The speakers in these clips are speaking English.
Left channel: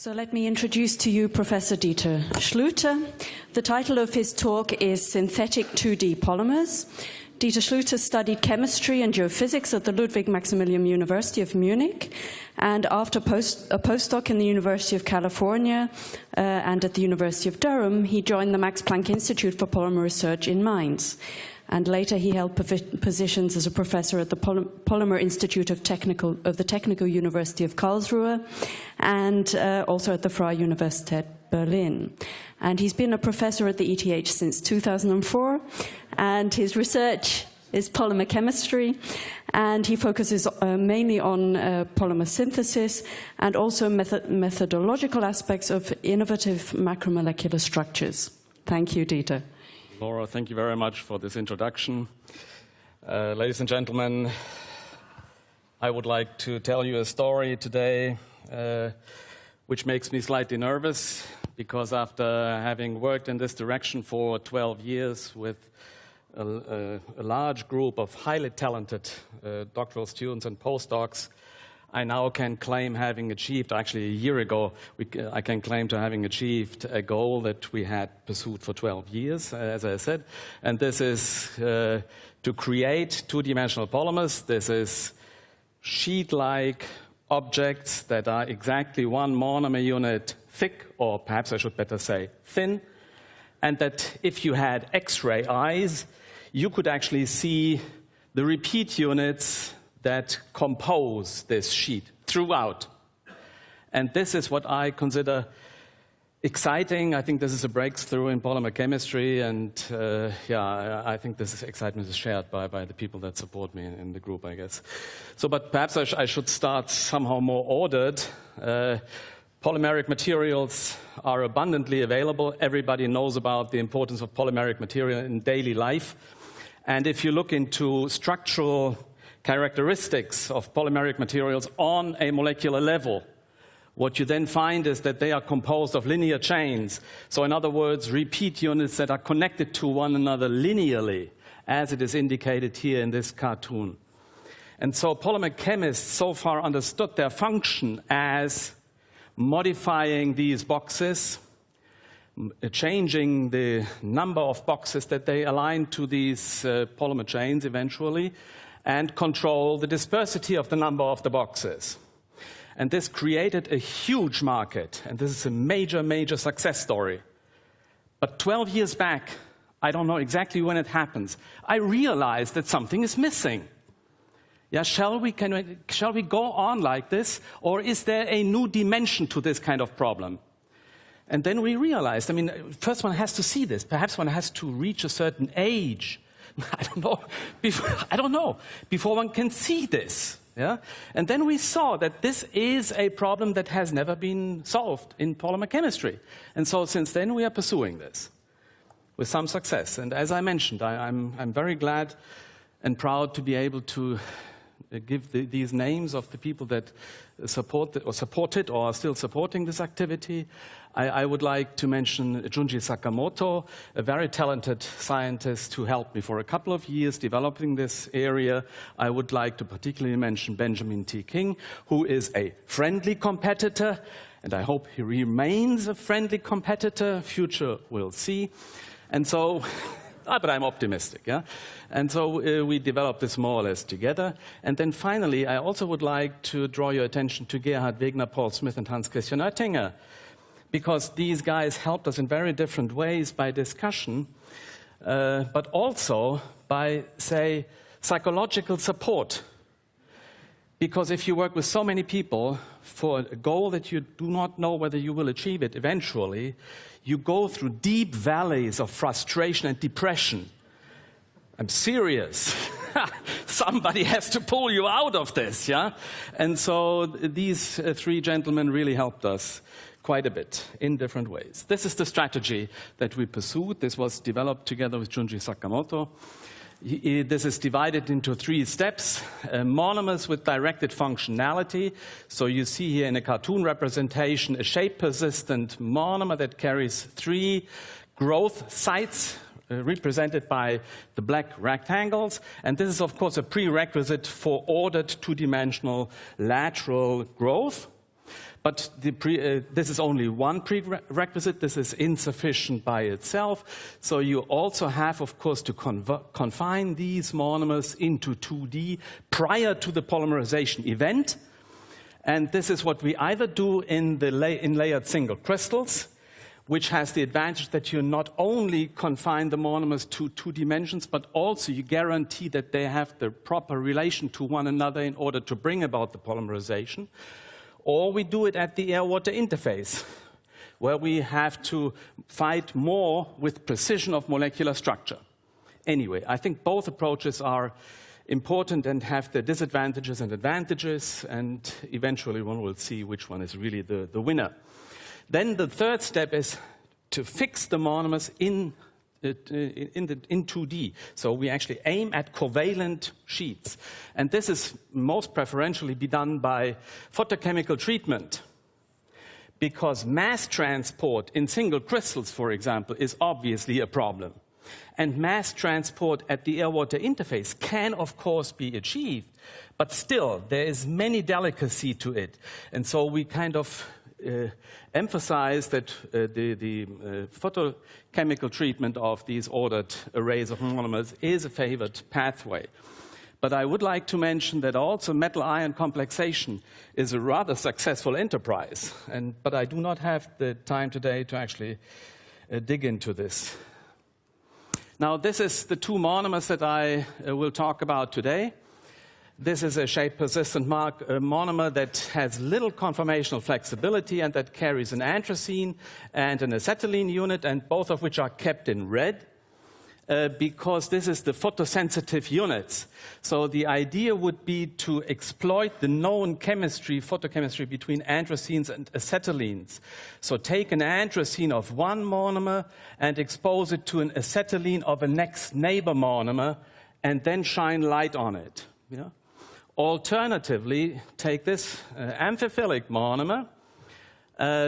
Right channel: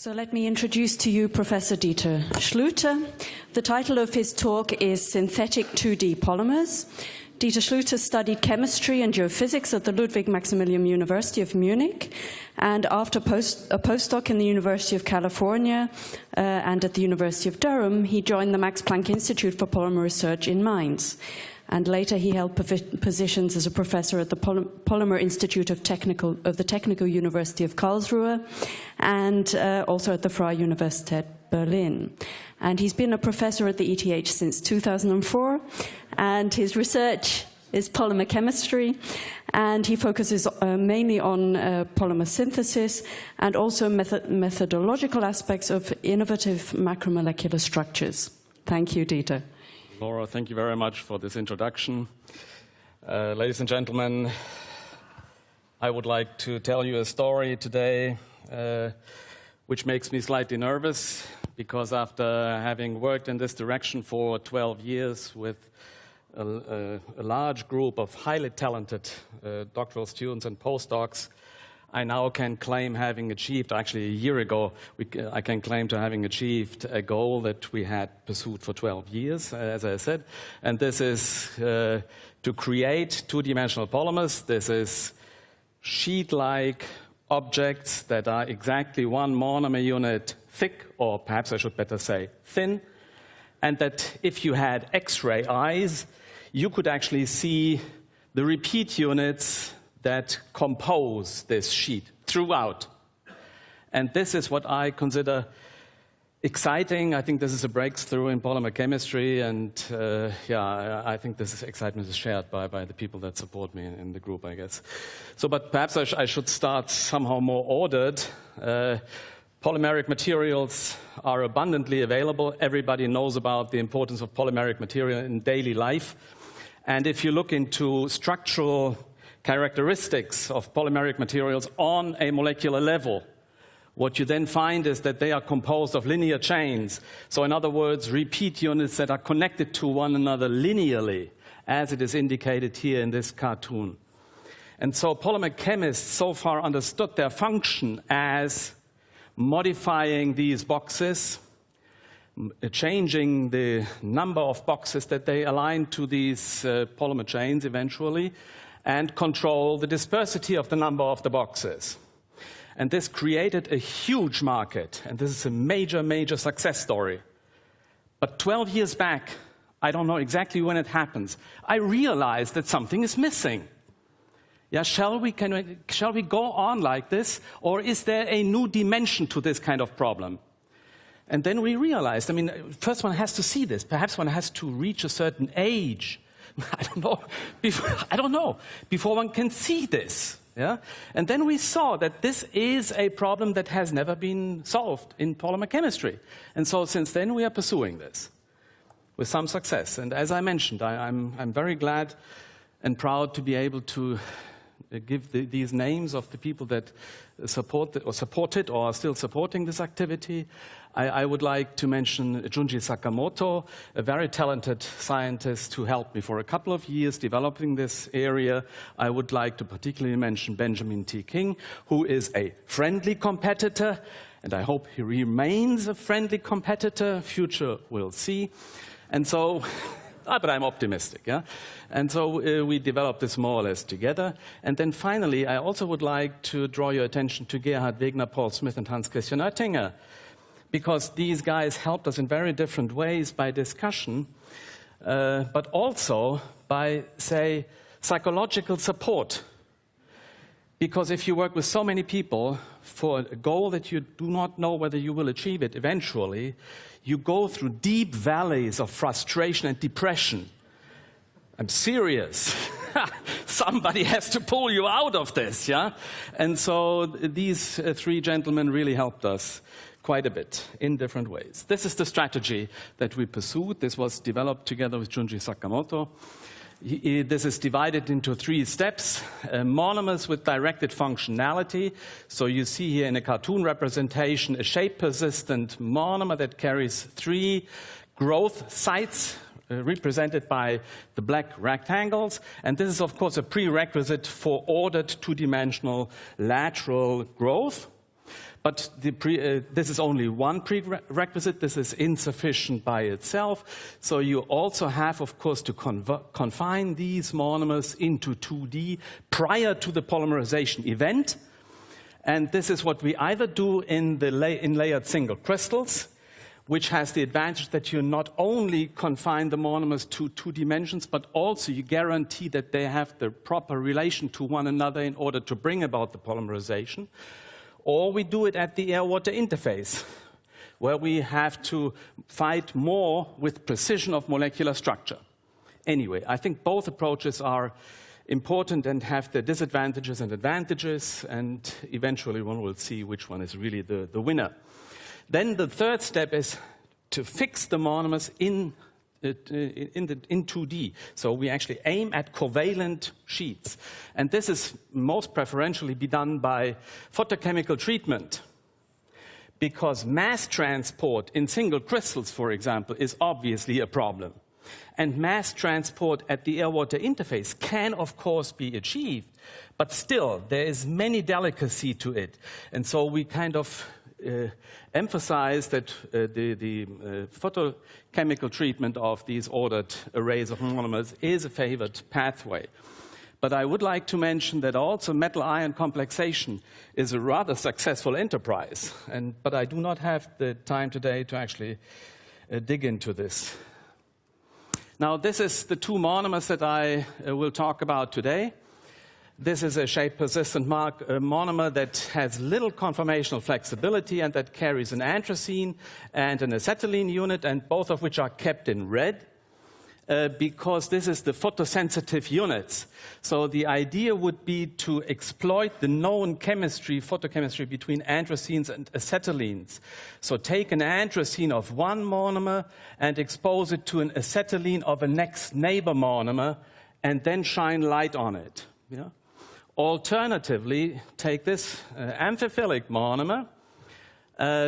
So let me introduce to you Professor Dieter Schlüter. The title of his talk is Synthetic 2D Polymers. Dieter Schlüter studied chemistry and geophysics at the Ludwig Maximilian University of Munich, and after a postdoc in the University of California and at the University of Durham, he joined the Max Planck Institute for Polymer Research in Mainz. And later he held positions as a professor at the Polymer Institute of the Technical University of Karlsruhe and also at the Freie Universität Berlin. And he's been a professor at the ETH since 2004, and his research is polymer chemistry, and he focuses mainly on polymer synthesis and also methodological aspects of innovative macromolecular structures. Thank you, Dieter. Laura, thank you very much for this introduction. Ladies and gentlemen, I would like to tell you a story today which makes me slightly nervous, because after having worked in this direction for 12 years with a large group of highly talented doctoral students and postdocs, I now can claim having achieved, actually a year ago, I can claim to having achieved a goal that we had pursued for 12 years, as I said. And this is to create two-dimensional polymers. This is sheet-like objects that are exactly one monomer unit thick, or perhaps I should better say thin, and that if you had X-ray eyes, you could actually see the repeat units that compose this sheet throughout. And this is what I consider exciting. I think this is a breakthrough in polymer chemistry, and I think this excitement is shared by the people that support me in the group, I guess. So, but perhaps I should start somehow more ordered. Polymeric materials are abundantly available. Everybody knows about the importance of polymeric material in daily life. And if you look into structural characteristics of polymeric materials on a molecular level, what you then find is that they are composed of linear chains. So in other words, repeat units that are connected to one another linearly, as it is indicated here in this cartoon. And so polymer chemists so far understood their function as modifying these boxes, changing the number of boxes that they align to these polymer chains eventually, and control the dispersity of the number of the boxes. And this created a huge market, and this is a major, major success story. But 12 years back, I don't know exactly when it happens, I realized that something is missing. Yeah, shall we go on like this, or is there a new dimension to this kind of problem? And then we realized, first one has to see this. Perhaps one has to reach a certain age. I don't know, before one can see this. Yeah? And then we saw that this is a problem that has never been solved in polymer chemistry. And so since then we are pursuing this with some success. And as I mentioned, I'm very glad and proud to be able to give these names of the people that supported or are still supporting this activity. I would like to mention Junji Sakamoto, a very talented scientist who helped me for a couple of years developing this area. I would like to particularly mention Benjamin T. King, who is a friendly competitor, and I hope he remains a friendly competitor. Future will see. And so, but I'm optimistic, yeah? And so we developed this more or less together. And then finally, I also would like to draw your attention to Gerhard Wegner, Paul Smith, and Hans Christian Oettinger, because these guys helped us in very different ways by discussion, but also by, say, psychological support. Because if you work with so many people for a goal that you do not know whether you will achieve it eventually, you go through deep valleys of frustration and depression. I'm serious. Somebody has to pull you out of this, yeah? And so these three gentlemen really helped us quite a bit in different ways. This is the strategy that we pursued. This was developed together with Junji Sakamoto. This is divided into 3 steps. Monomers with directed functionality. So you see here in a cartoon representation a shape-persistent monomer that carries 3 growth sites represented by the black rectangles. And this is, of course, a prerequisite for ordered two-dimensional lateral growth. But this is only one prerequisite. This is insufficient by itself. So you also have, of course, to confine these monomers into 2D prior to the polymerization event. And this is what we either do in layered single crystals, which has the advantage that you not only confine the monomers to 2 dimensions, but also you guarantee that they have the proper relation to one another in order to bring about the polymerization. Or we do it at the air-water interface, where we have to fight more with precision of molecular structure. Anyway, I think both approaches are important and have their disadvantages and advantages, and eventually one will see which one is really the winner. Then the third step is to fix the monomers in 2D. So we actually aim at covalent sheets. And this is most preferentially be done by photochemical treatment, because mass transport in single crystals, for example, is obviously a problem. And mass transport at the air-water interface can, of course, be achieved, but still, there is many delicacy to it. And so we kind of emphasize that the photochemical treatment of these ordered arrays of monomers is a favored pathway. But I would like to mention that also metal-ion complexation is a rather successful enterprise. But I do not have the time today to actually dig into this. Now, this is the 2 monomers that I will talk about today. This is a shape-persistent monomer that has little conformational flexibility and that carries an anthracene and an acetylene unit, and both of which are kept in red because this is the photosensitive units. So the idea would be to exploit the known chemistry, photochemistry between anthracenes and acetylenes. So take an anthracene of one monomer and expose it to an acetylene of a next neighbor monomer and then shine light on it. Yeah? Alternatively, take this amphiphilic monomer,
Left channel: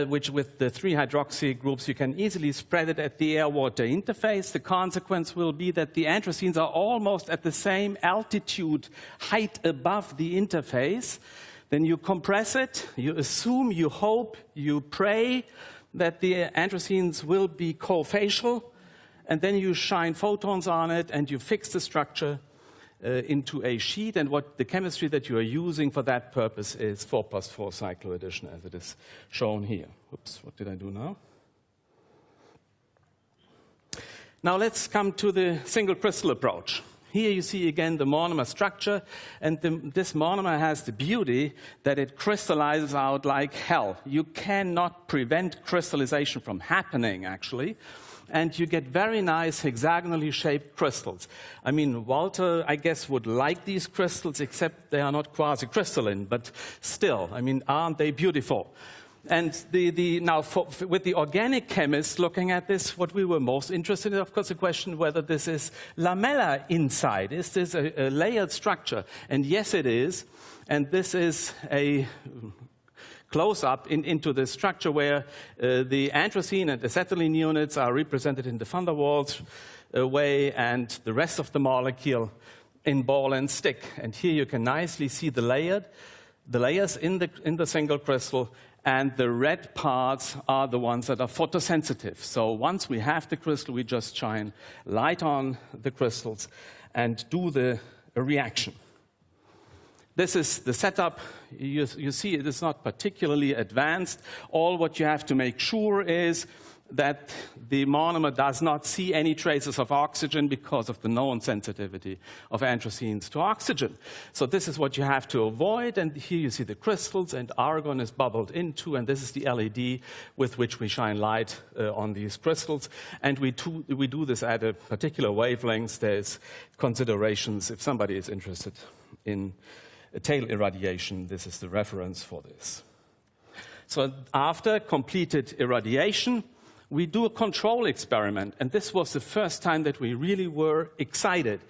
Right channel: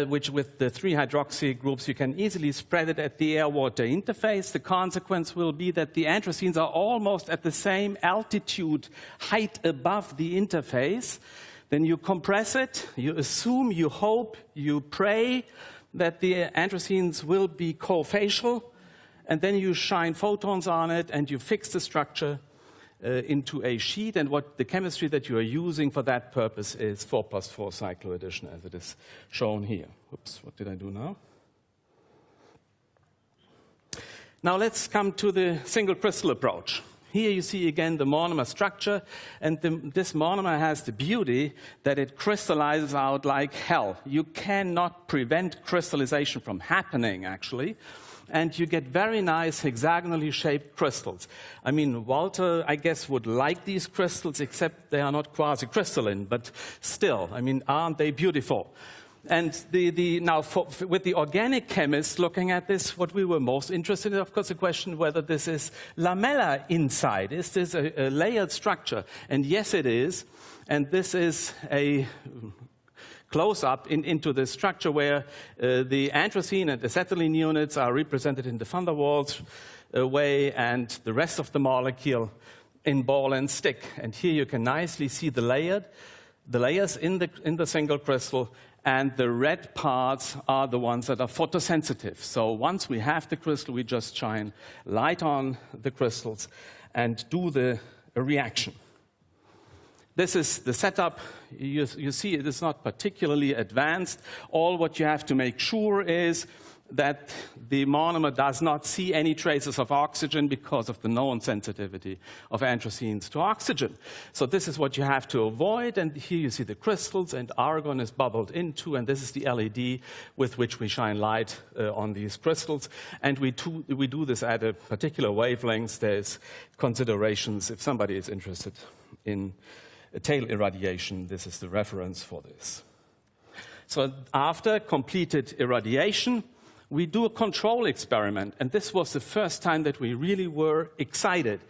which with the 3 hydroxy groups, you can easily spread it at the air-water interface. The consequence will be that the anthracenes are almost at the same altitude, height above the interface. Then you compress it, you assume, you hope, you pray that the anthracenes will be cofacial, and then you shine photons on it and you fix the structure into a sheet, and what the chemistry that you are using for that purpose is 4+4 cycloaddition, as it is shown here. Oops, what did I do now? Now let's come to the single crystal approach. Here you see again the monomer structure, and this monomer has the beauty that it crystallizes out like hell. You cannot prevent crystallization from happening, actually. And you get very nice hexagonally shaped crystals. I mean, Walter, I guess, would like these crystals, except they are not quasi-crystalline, but still, I mean, aren't they beautiful? And now, with the organic chemists looking at this, what we were most interested in, of course, the question whether this is lamella inside. Is this a layered structure? And yes, it is. And this is a close-up into the structure where the anthracene and acetylene units are represented in the van der Waals way, and the rest of the molecule in ball and stick. And here you can nicely see the layers in the single crystal, and the red parts are the ones that are photosensitive. So once we have the crystal, we just shine light on the crystals and do the reaction. This is the setup. You see it is not particularly advanced. All what you have to make sure is that the monomer does not see any traces of oxygen because of the known sensitivity of anthracenes to oxygen. So this is what you have to avoid, and here you see the crystals, and argon is bubbled into, and this is the LED with which we shine light on these crystals. And we do this at a particular wavelength. There's considerations if somebody is interested in tail irradiation. This is the reference for this. So after completed irradiation, we do a control experiment, and this was the first time that we really were excited.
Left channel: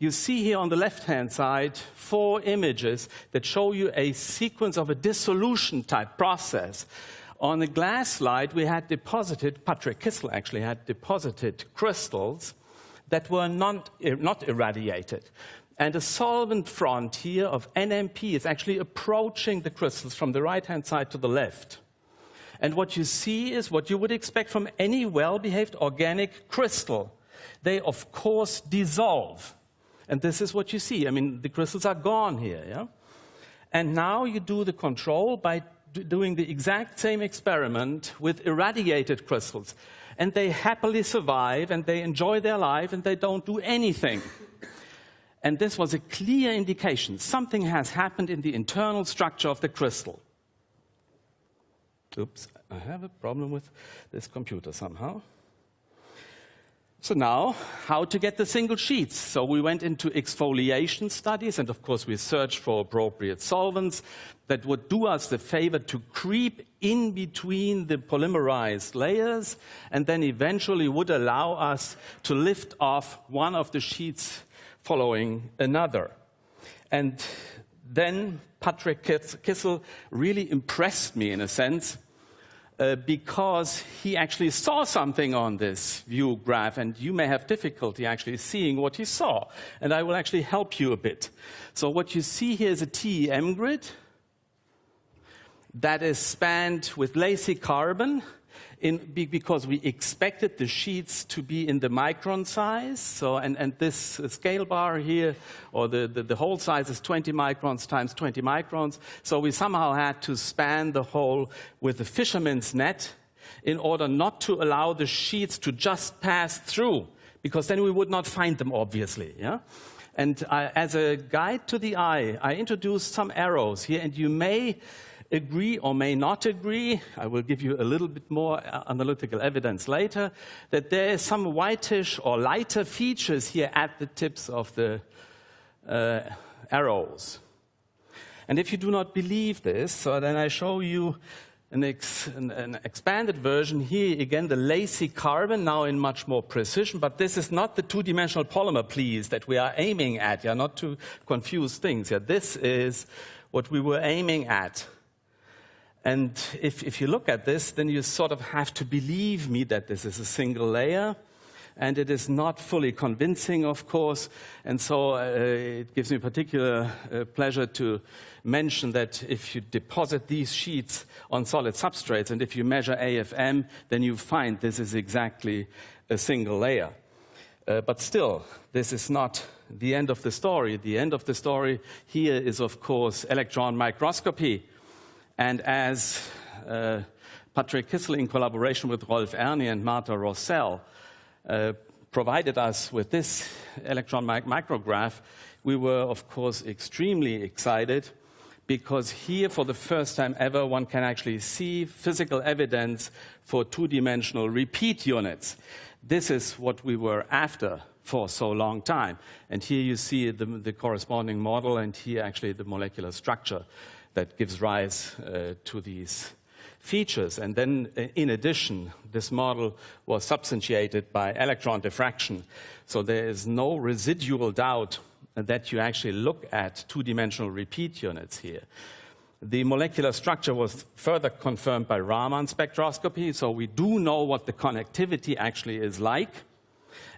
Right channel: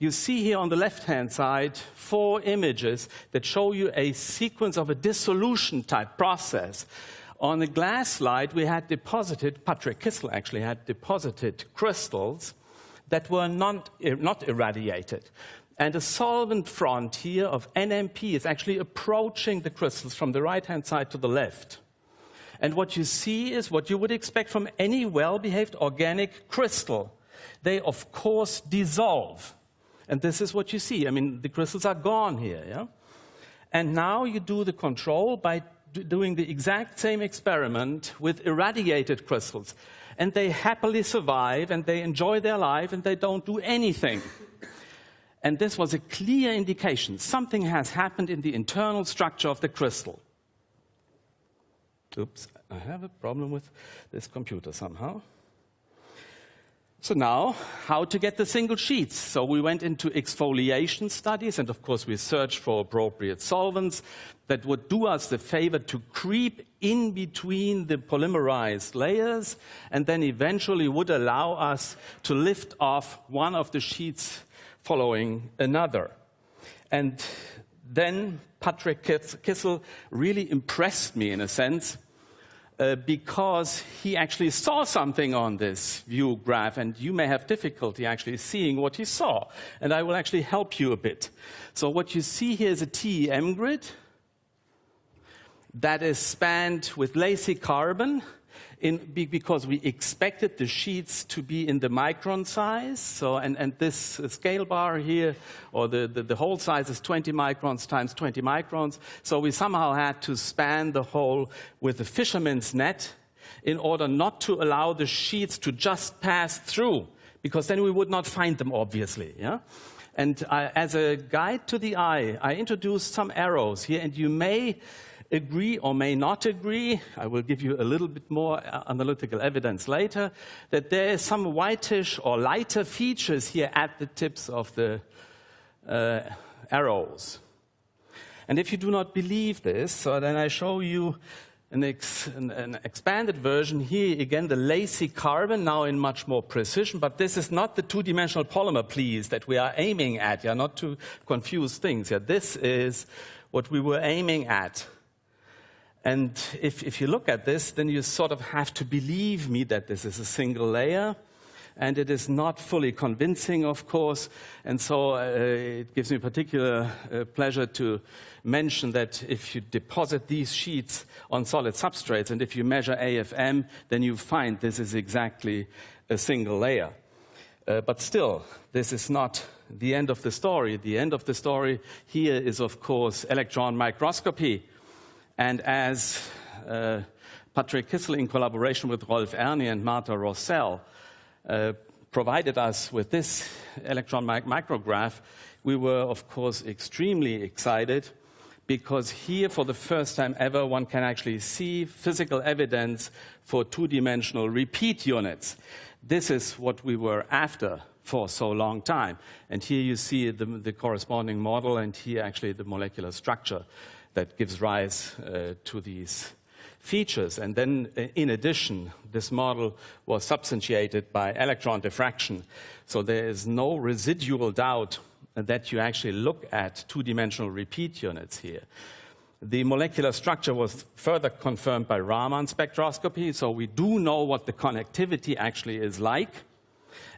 You see here on the left-hand side 4 images that show you a sequence of a dissolution type process. On the glass slide, we had deposited, Patrick Kissel actually had deposited crystals that were not irradiated. And the solvent front here of NMP is actually approaching the crystals from the right-hand side to the left. And what you see is what you would expect from any well-behaved organic crystal. They, of course, dissolve. And this is what you see. I mean, the crystals are gone here, yeah? And now you do the control by doing the exact same experiment with irradiated crystals. And they happily survive, and they enjoy their life, and they don't do anything. And this was a clear indication. Something has happened in the internal structure of the crystal. Oops, I have a problem with this computer somehow. So now, how to get the single sheets? So we went into exfoliation studies, and of course we searched for appropriate solvents that would do us the favor to creep in between the polymerized layers, and then eventually would allow us to lift off one of the sheets following another. And then Patrick Kissel really impressed me in a sense, because he actually saw something on this view graph, and you may have difficulty actually seeing what he saw. And I will actually help you a bit. So what you see here is a TEM grid that is spanned with lacy carbon because we expected the sheets to be in the micron size. So, and this scale bar here, or the whole size is 20 microns times 20 microns. So we somehow had to span the whole with a fisherman's net in order not to allow the sheets to just pass through, because then we would not find them, obviously. Yeah? And as a guide to the eye, I introduced some arrows here, and you may agree or may not agree, I will give you a little bit more analytical evidence later, that there is some whitish or lighter features here at the tips of the arrows. And if you do not believe this, so then I show you an expanded version here, again the lacy carbon, now in much more precision, but this is not the two-dimensional polymer, please, that we are aiming at, yeah, not to confuse things. Yeah, this is what we were aiming at. And if you look at this, then you sort of have to believe me that this is a single layer. And it is not fully convincing, of course. And so it gives me particular pleasure to mention that if you deposit these sheets on solid substrates, and if you measure AFM, then you find this is exactly a single layer. But still, this is not the end of the story. The end of the story here is, of course, electron microscopy. And as Patrick Kissel, in collaboration with Rolf Erni and Marta Rossell, provided us with this electron micrograph, we were, of course, extremely excited, because here, for the first time ever, one can actually see physical evidence for two-dimensional repeat units. This is what we were after for so long time. And here you see the corresponding model, and here actually the molecular structure that gives rise to these features. And then, in addition, this model was substantiated by electron diffraction. So there is no residual doubt that you actually look at two-dimensional repeat units here. The molecular structure was further confirmed by Raman spectroscopy, so we do know what the connectivity actually is like.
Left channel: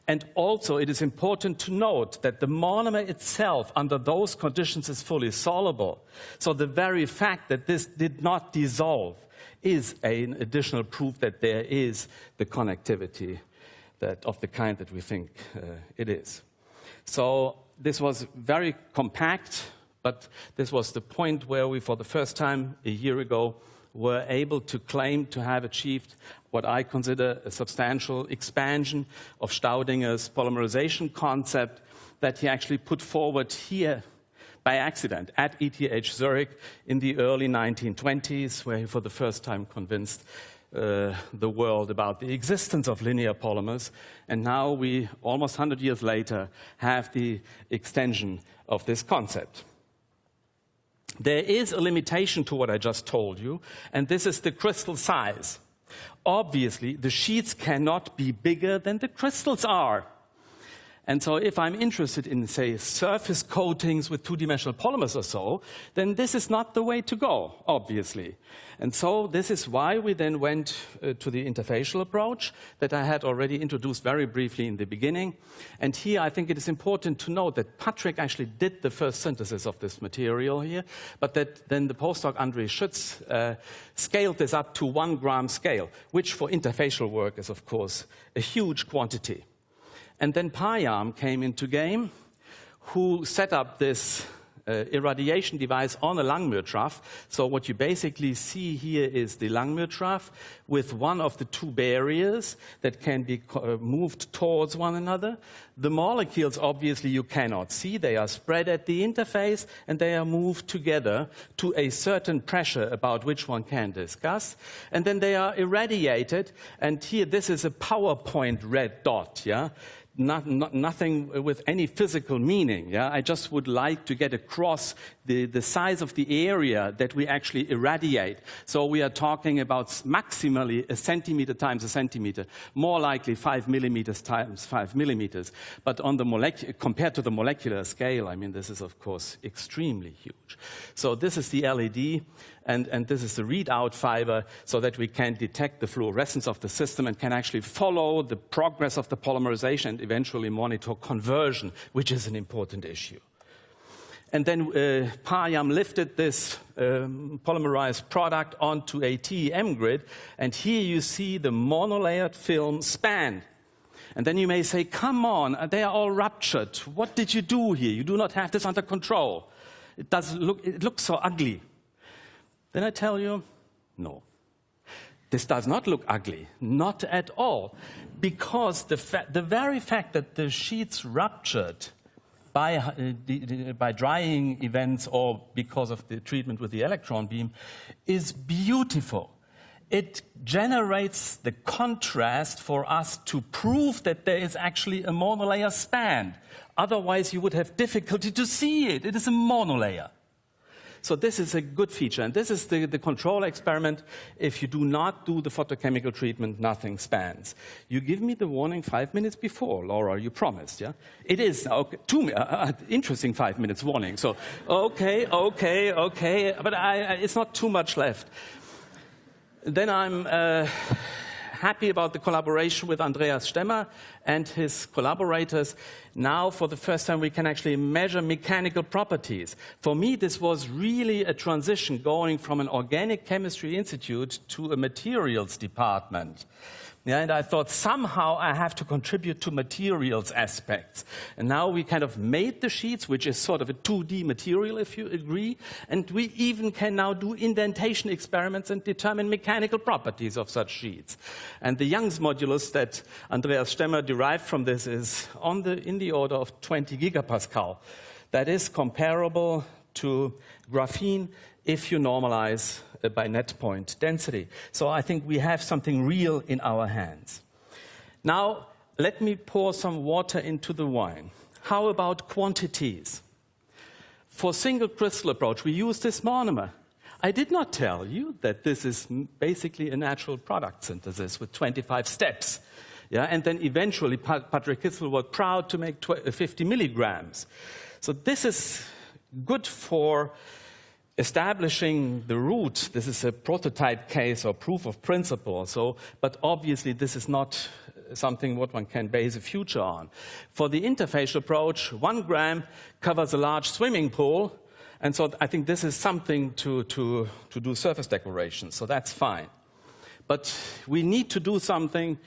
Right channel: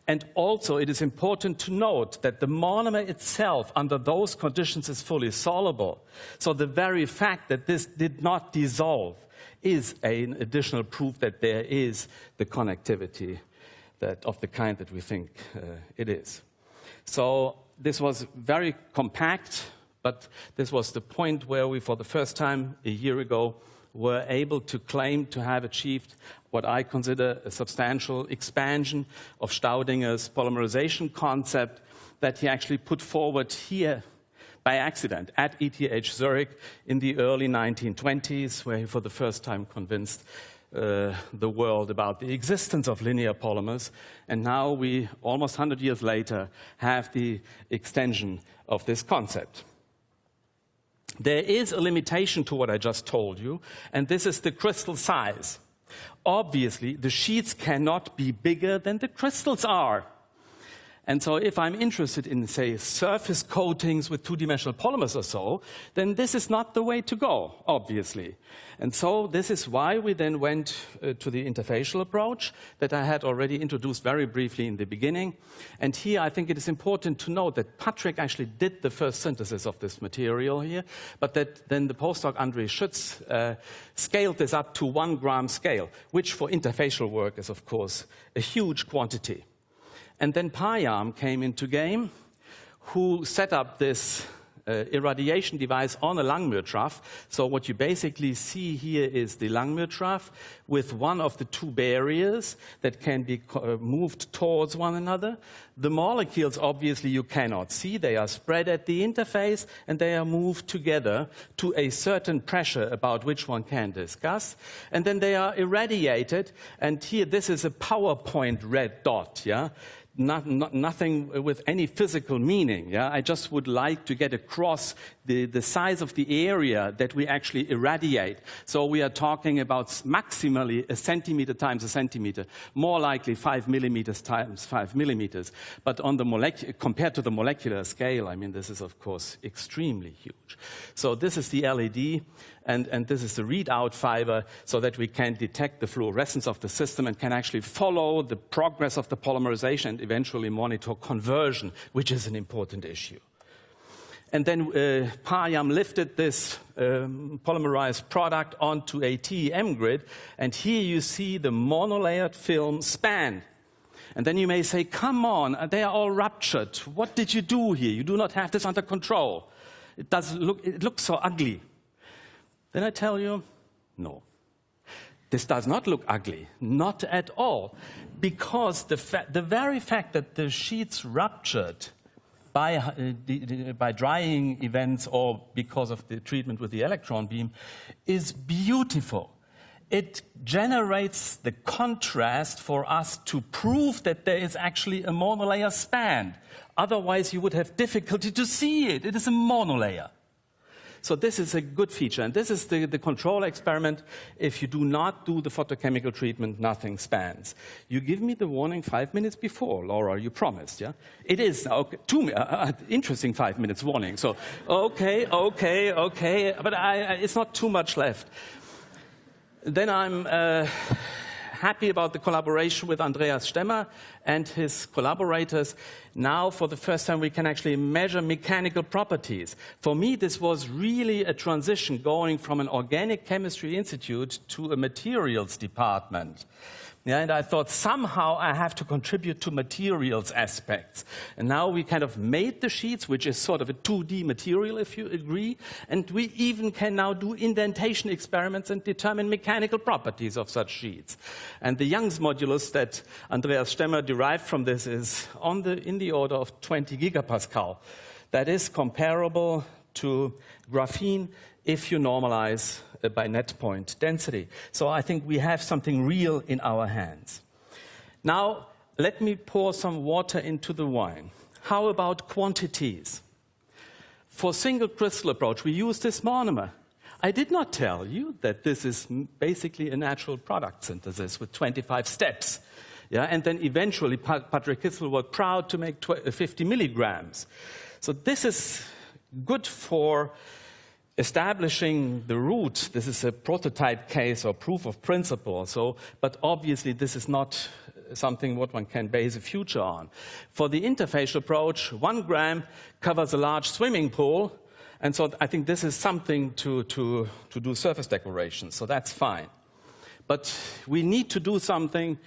And also, it is important to note that the monomer itself, under those conditions, is fully soluble. So the very fact that this did not dissolve is an additional proof that there is the connectivity of the kind that we think it is. So this was very compact, but this was the point where we, for the first time a year ago, were able to claim to have achieved what I consider a substantial expansion of Staudinger's polymerization concept that he actually put forward here by accident at ETH Zurich in the early 1920s, where he for the first time convinced the world about the existence of linear polymers. And now we, almost 100 years later, have the extension of this concept. There is a limitation to what I just told you, and this is the crystal size. Obviously, the sheets cannot be bigger than the crystals are. And so if I'm interested in, say, surface coatings with two-dimensional polymers or so, then this is not the way to go, obviously. And so this is why we then went to the interfacial approach that I had already introduced very briefly in the beginning. And here I think it is important to note that Patrick actually did the first synthesis of this material here, but that then the postdoc André Schütz scaled this up to 1 gram scale, which for interfacial work is, of course, a huge quantity. And then Payam came into game, who set up this irradiation device on a Langmuir trough. So what you basically see here is the Langmuir trough with one of the two barriers that can be moved towards one another. The molecules, obviously, you cannot see. They are spread at the interface, and they are moved together to a certain pressure about which one can discuss. And then they are irradiated. And here, this is a PowerPoint red dot, yeah? Nothing with any physical meaning. Yeah? I just would like to get across the size of the area that we actually irradiate. So we are talking about maximally 1 centimeter times 1 centimeter, more likely 5 millimeters times 5 millimeters. But on the compared to the molecular scale, I mean, this is, of course, extremely huge. So this is the LED. And this is the readout fiber so that we can detect the fluorescence of the system and can actually follow the progress of the polymerization and eventually monitor conversion, which is an important issue. And then Payam lifted this polymerized product onto a TEM grid, and here you see the monolayered film span. And then you may say, come on, they are all ruptured. What did you do here? You do not have this under control. It looks so ugly. Then I tell you, no. This does not look ugly, not at all, because the very fact that the sheets ruptured by drying events or because of the treatment with the electron beam is beautiful. It generates the contrast for us to prove that there is actually a monolayer span. Otherwise, you would have difficulty to see it. It is a monolayer. So this is a good feature, and this is the control experiment. If you do not do the photochemical treatment, nothing spans. You give me the warning 5 minutes before, Laura, you promised, yeah? It is, okay, interesting 5 minutes warning. So, okay, but it's not too much left. Then I'm happy about the collaboration with Andreas Stemmer and his collaborators. Now, for the first time, we can actually measure mechanical properties. For me, this was really a transition going from an organic chemistry institute to a materials department. Yeah, and I thought somehow I have to contribute to materials aspects. And now we kind of made the sheets, which is sort of a 2D material, if you agree. And we even can now do indentation experiments and determine mechanical properties of such sheets. And the Young's modulus that Andreas Stemmer derived from this is in the order of 20 gigapascal. That is comparable to graphene if you normalize by net point density. So I think we have something real in our hands. Now, let me pour some water into the wine. How about quantities? For single crystal approach, we use this monomer. I did not tell you that this is basically a natural product synthesis with 25 steps. Yeah, and then eventually Patrick Kissel was proud to make 50 milligrams. So this is good for establishing the route. This is a prototype case or proof of principle. But obviously this is not something what one can base a future on. For the interfacial approach, 1 gram covers a large swimming pool. And so I think this is something to do surface decoration. So that's fine. But we need to do something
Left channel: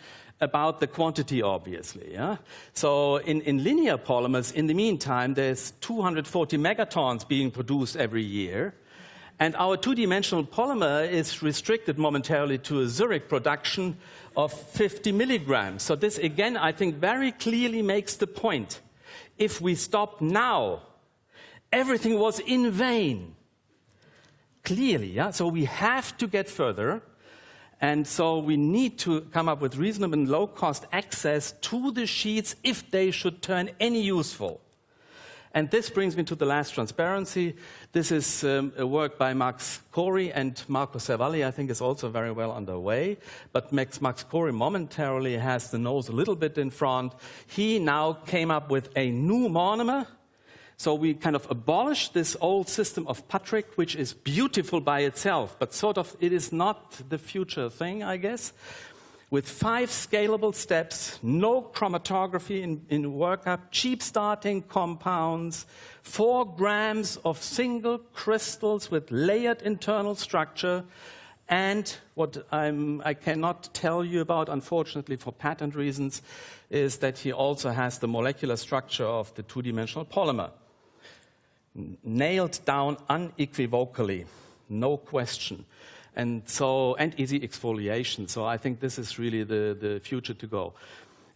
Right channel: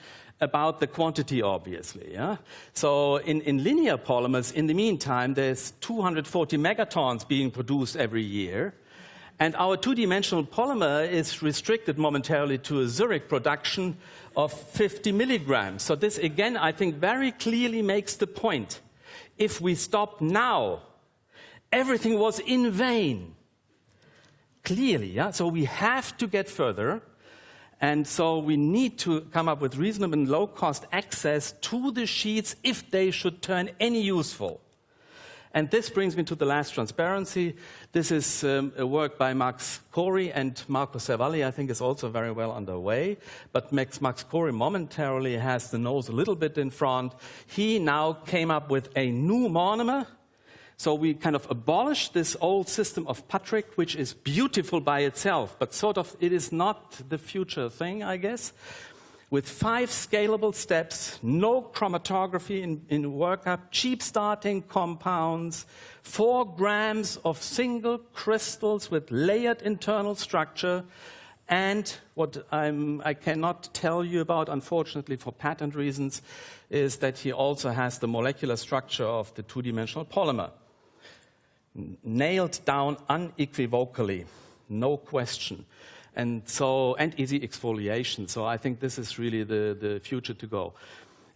about the quantity, obviously. Yeah? So in linear polymers, in the meantime, there's 240 megatons being produced every year. And our two-dimensional polymer is restricted momentarily to a Zurich production of 50 milligrams. So this, again, I think very clearly makes the point. If we stop now, everything was in vain. Clearly, yeah? So we have to get further. And so we need to come up with reasonable and low-cost access to the sheets if they should turn any useful. And this brings me to the last transparency. This is a work by Max Corey, and Marco Cervalli, I think, is also very well underway. But Max Corey momentarily has the nose a little bit in front. He now came up with a new monomer. So we kind of abolished this old system of Patrick, which is beautiful by itself, but sort of it is not the future thing, I guess. With 5 scalable steps, no chromatography in workup, cheap starting compounds, 4 grams of single crystals with layered internal structure, and what I cannot tell you about, unfortunately for patent reasons, is that he also has the molecular structure of the 2-dimensional polymer. Nailed down unequivocally, no question. And easy exfoliation. So I think this is really the future to go.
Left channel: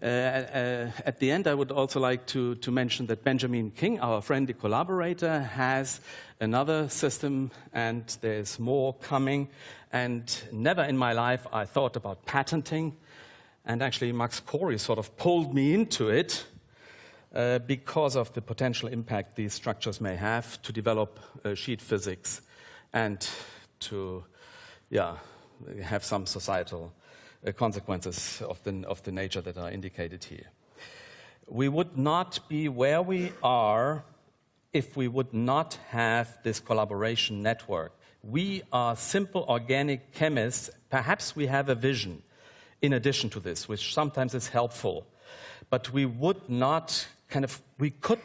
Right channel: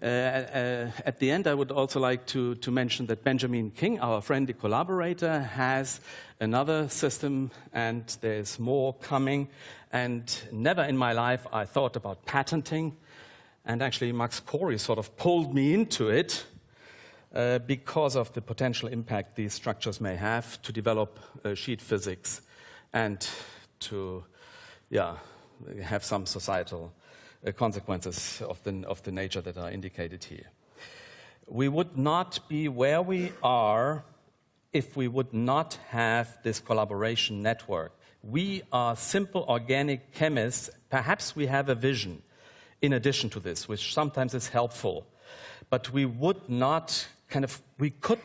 At the end, I would also like to mention that Benjamin King, our friendly collaborator, has another system, and there's more coming. And never in my life I thought about patenting. And actually, Max Corey sort of pulled me into it because of the potential impact these structures may have to develop sheet physics and to have some societal consequences of the nature that are indicated here. We would not be where we are if we would not have this collaboration network. We are simple organic chemists. Perhaps we have a vision in addition to this, which sometimes is helpful. But we could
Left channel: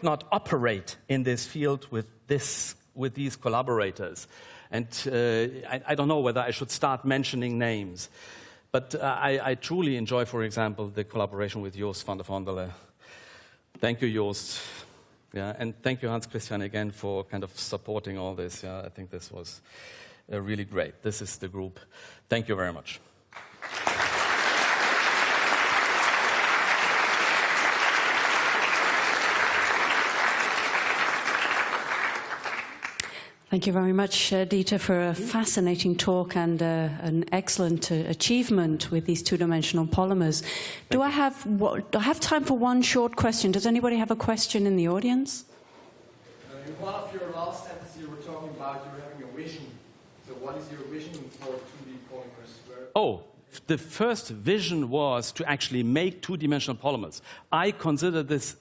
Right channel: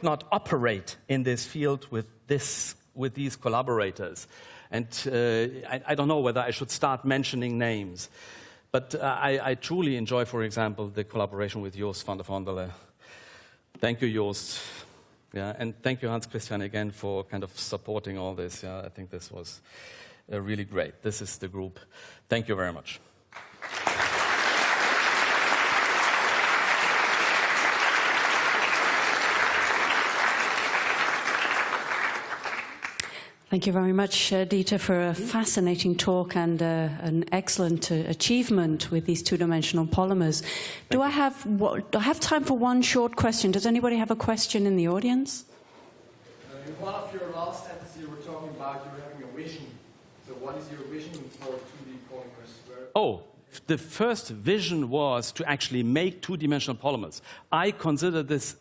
not operate in this field with these collaborators. And I don't know whether I should start mentioning names, but I truly enjoy, for example, the collaboration with Joost van der Vondelen. Thank you, Joost. Yeah, and thank you, Hans Christian, again, for kind of supporting all this. Yeah, I think this was really great. This is the group. Thank you very much. Thank you very much, Dieter, for a fascinating talk and an excellent achievement with these 2-dimensional polymers. Do I have time for one short question? Does anybody have a question in the audience? In one of your last sentences, you were talking about you having a vision. So what is your vision for 2D polymers? The first vision was to actually make 2-dimensional polymers. I consider this,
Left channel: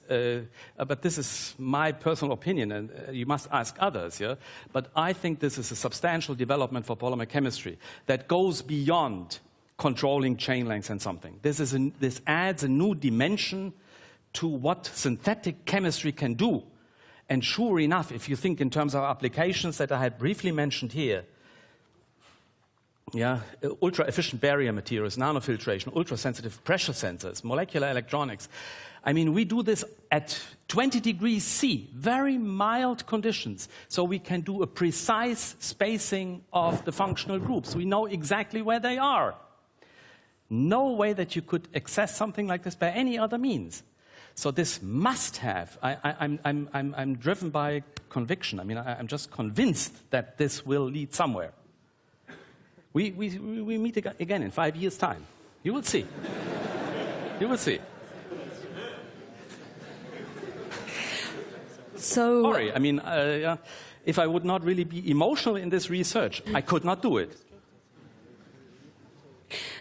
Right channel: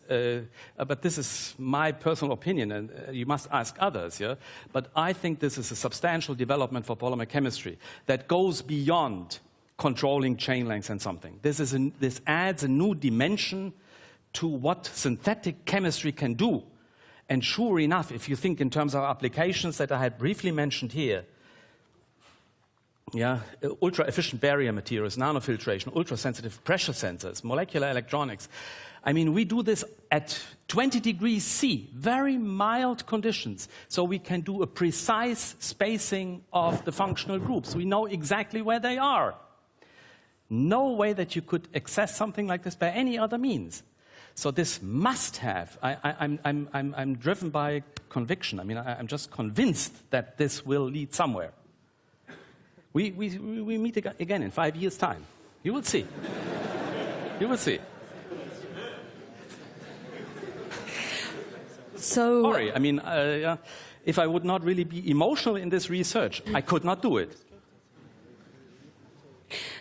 but this is my personal opinion, and you must ask others, yeah? But I think this is a substantial development for polymer chemistry that goes beyond controlling chain lengths and something. This adds a new dimension to what synthetic chemistry can do. And sure enough, if you think in terms of applications that I had briefly mentioned here, ultra-efficient barrier materials, nanofiltration, ultra-sensitive pressure sensors, molecular electronics. I mean, we do this at 20 degrees C, very mild conditions, so we can do a precise spacing of the functional groups. We know exactly where they are. No way that you could access something like this by any other means. So this must have. I'm driven by conviction. I mean, I'm just convinced that this will lead somewhere. We meet again in 5 years' time. You will see. You will see. So, sorry, I mean, if I would not really be emotional in this research, I could not do it.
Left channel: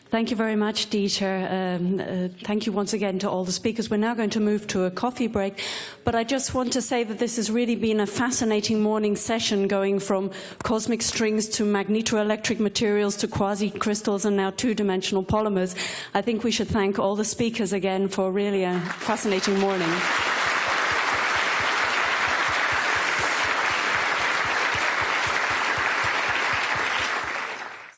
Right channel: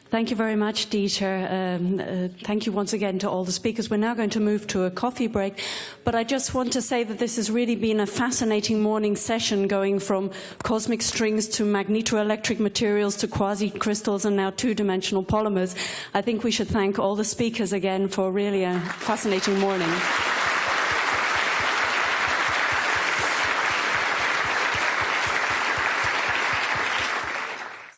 Thank you very much, Dieter. Thank you once again to all the speakers. We're now going to move to a coffee break, but I just want to say that this has really been a fascinating morning session, going from cosmic strings to magnetoelectric materials to quasi-crystals and now 2-dimensional polymers. I think we should thank all the speakers again for really a fascinating morning.